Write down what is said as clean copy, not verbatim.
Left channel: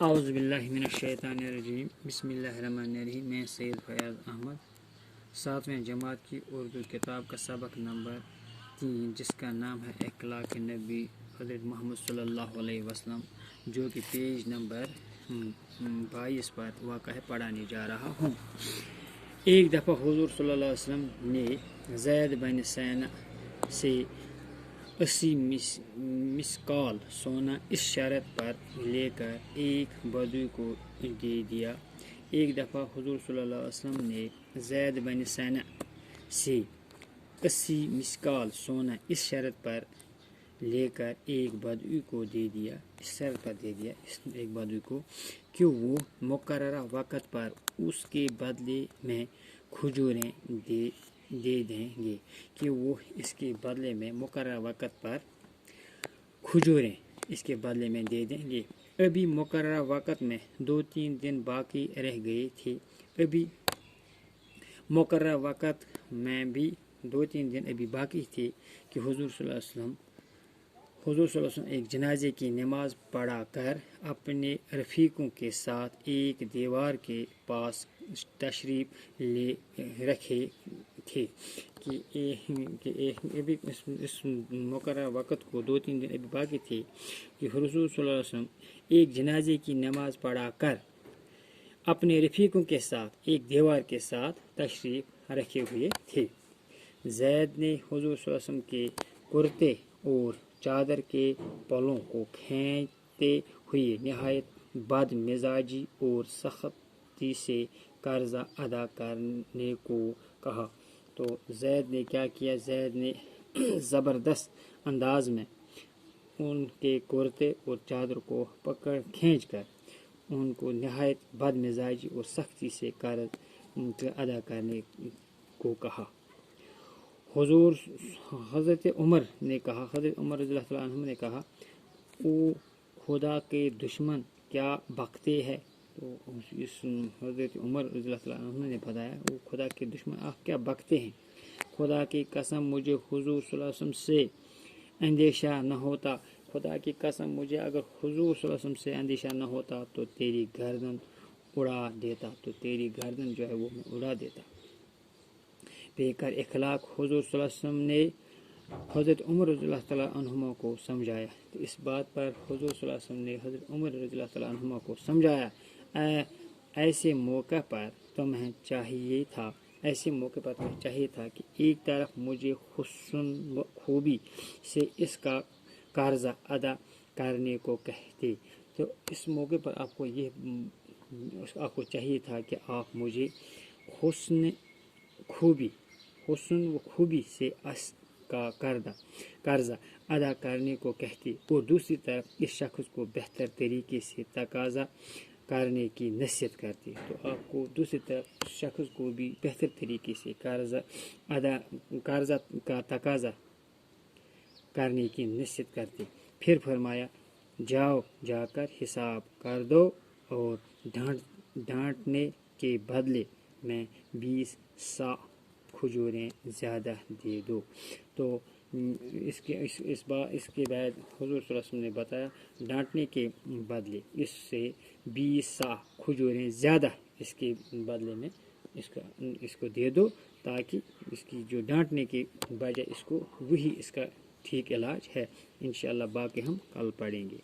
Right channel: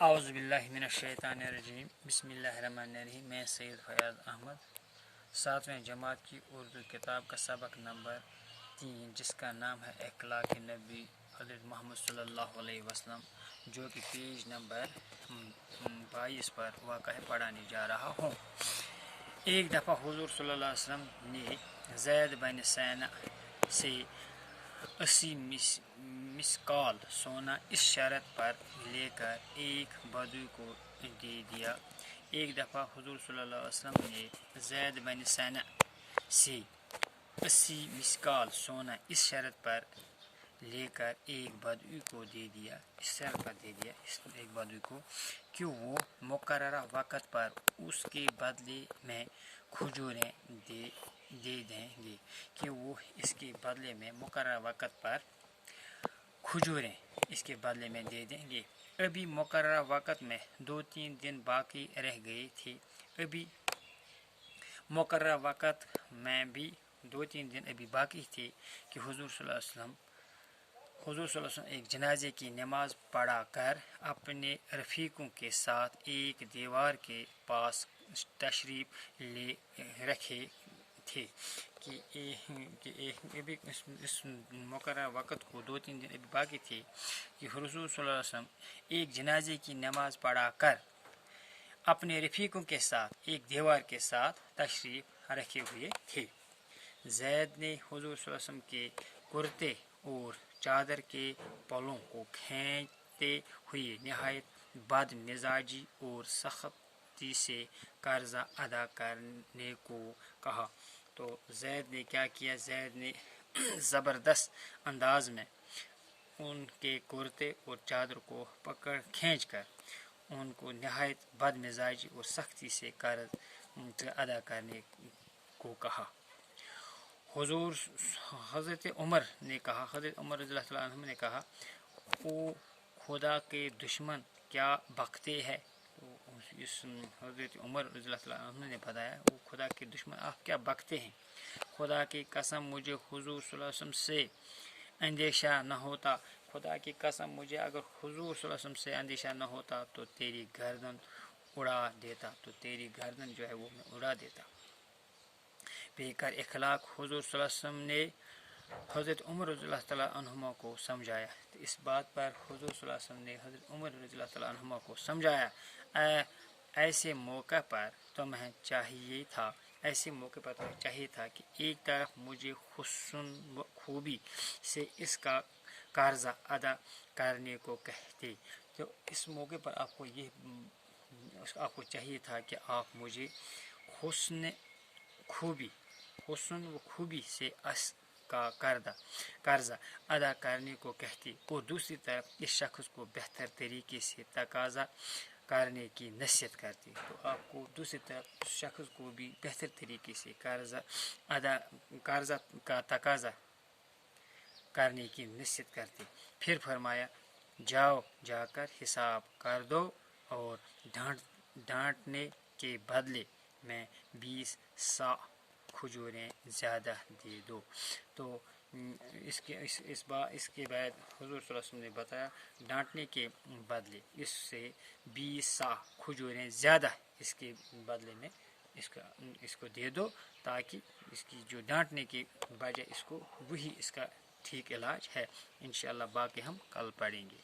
اعوذ باللہ من الشیطان الرجیم، بسم اللہ الرحمن الرحیم۔ میں سید فیاض احمد 7ویں جماعت کی اردو کتاب کا سبق نمبر 3، جس کا نام ہے اخلاق نبی حضرت محمد صلی اللہ علیہ وسلم، جو کہ پیج نمبر 22 پر واقع ہے، پڑھانے جا رہا ہوں۔ ایک دفعہ حضور صلی اللہ علیہ وسلم نے زید بن سینا سے 80 مسکال سونا اس شرط پر لے کر ایک بدوی کو دے دیا۔ ایک دفعہ حضور صلی اللہ علیہ وسلم نے زید بن سینا سے 80 مسکال سونا اس شرط پر لے کر ایک بدوی کو دے دیا، اس شرط پر دے دیا ایک بدوی کو کہ وہ مقررہ وقت پر اس کے بدلے میں کھجوریں دے دیں گے، کہ وہ اس کے بدلے میں مقررہ وقت پر کھجوریں اس کے بدلے میں دے دیں گے۔ ابھی مقررہ وقت میں 2-3 دن باقی رہ گئے تھے۔ ابھی مقررہ وقت میں بھی 2-3 دن ابھی باقی تھے کہ حضور صلی اللہ علیہ وسلم ایک جنازے کی نماز پڑھا کر اپنے رفیقوں کے ساتھ ایک دیوار کے پاس تشریف لے رکھے تھے کہ ابھی اس مقررہ وقت کو 2-3 دن ابھی باقی تھے کہ حضور صلی اللہ علیہ وسلم ایک جنازے کی نماز پڑھا کر اپنے رفیقوں کے ساتھ ایک دیوار کے ساتھ تشریف رکھے ہوئے تھے۔ زید نے حضور صلی اللہ علیہ وسلم کے کرتے اور چادر کے پلوں کو کھینچتے ہوئے نہایت بد مزاجی اور سختی سے قرضہ ادا کرنے کو کہا۔ تو زید نے کیا کیا؟ زید نے زبردست انداز میں ان کے کرتے اور چادر کو کھینچ کر ان کو نہایت بد مزاجی اور سختی سے قرض ادا کرنے کو کہا۔ حضرت عمر رضی اللہ عنہ نے کہا، او خدا کے دشمن کیا بکتے ہیں؟ حضرت عمر رضی اللہ عنہ نے بتایا، وہ خدا کے دشمن آپ کیا بکتے ہیں؟ خدا کی قسم مجھے حضور صلی اللہ علیہ وسلم سے اندیشہ نہ ہوتا، خدا کی قسم مجھے اگر حضور صلی اللہ علیہ وسلم سے اندیشہ نہ ہوتا تو تیری گردن اڑا دیتا، جو ہے وہ میں اڑا دیتا۔ بے کر اخلاق حضور صلی اللہ علیہ وسلم نے حضرت عمر رضی اللہ تعالیٰ عنہما کو سمجھایا۔ تو اس بات پر حضور صلی اللہ علیہ وسلم نے حضرت عمر رضی اللہ تعالیٰ عنہما کو سمجھایا، ایسے موقع پر تمہیں چاہیے تھا کہ ایک طرف مجھے حسن خوبی سے اس کا قرضہ ادا کرنے کو کہتے، تو اس موقع پر آپ کو چاہیے تھا کہ آپ مجھے حسن و خوبی سے اس کا قرضہ ادا کرنے کو کہتے، اور دوسری طرف اس شخص کو بہتر طریقے سے تقاضا کرنے کی نصیحت کرتے۔ تو آپ کو دوسری طرف شخص کو بھی بہتر طریقے سے قرضہ کا تقاضا کرنے کی نصیحت کرتے۔ پھر فرمایا، جا کر حساب کر دو اور ڈانٹنے کے بدلے میں 20 صاع کھجوریں زیادہ دے دو۔ تو اس کے بعد حضور صلی اللہ علیہ وسلم نے بتایا، ڈانٹنے کے بدلے اس سے 20 صاع کھجوریں زیادہ اس کے بدلے میں اس کو دے دو، تاکہ اس کی جو ڈانٹنے کی وجہ وہی اس کا ٹھیک علاج ہے۔ انشاءاللہ باقی ہم کل پڑھیں گے۔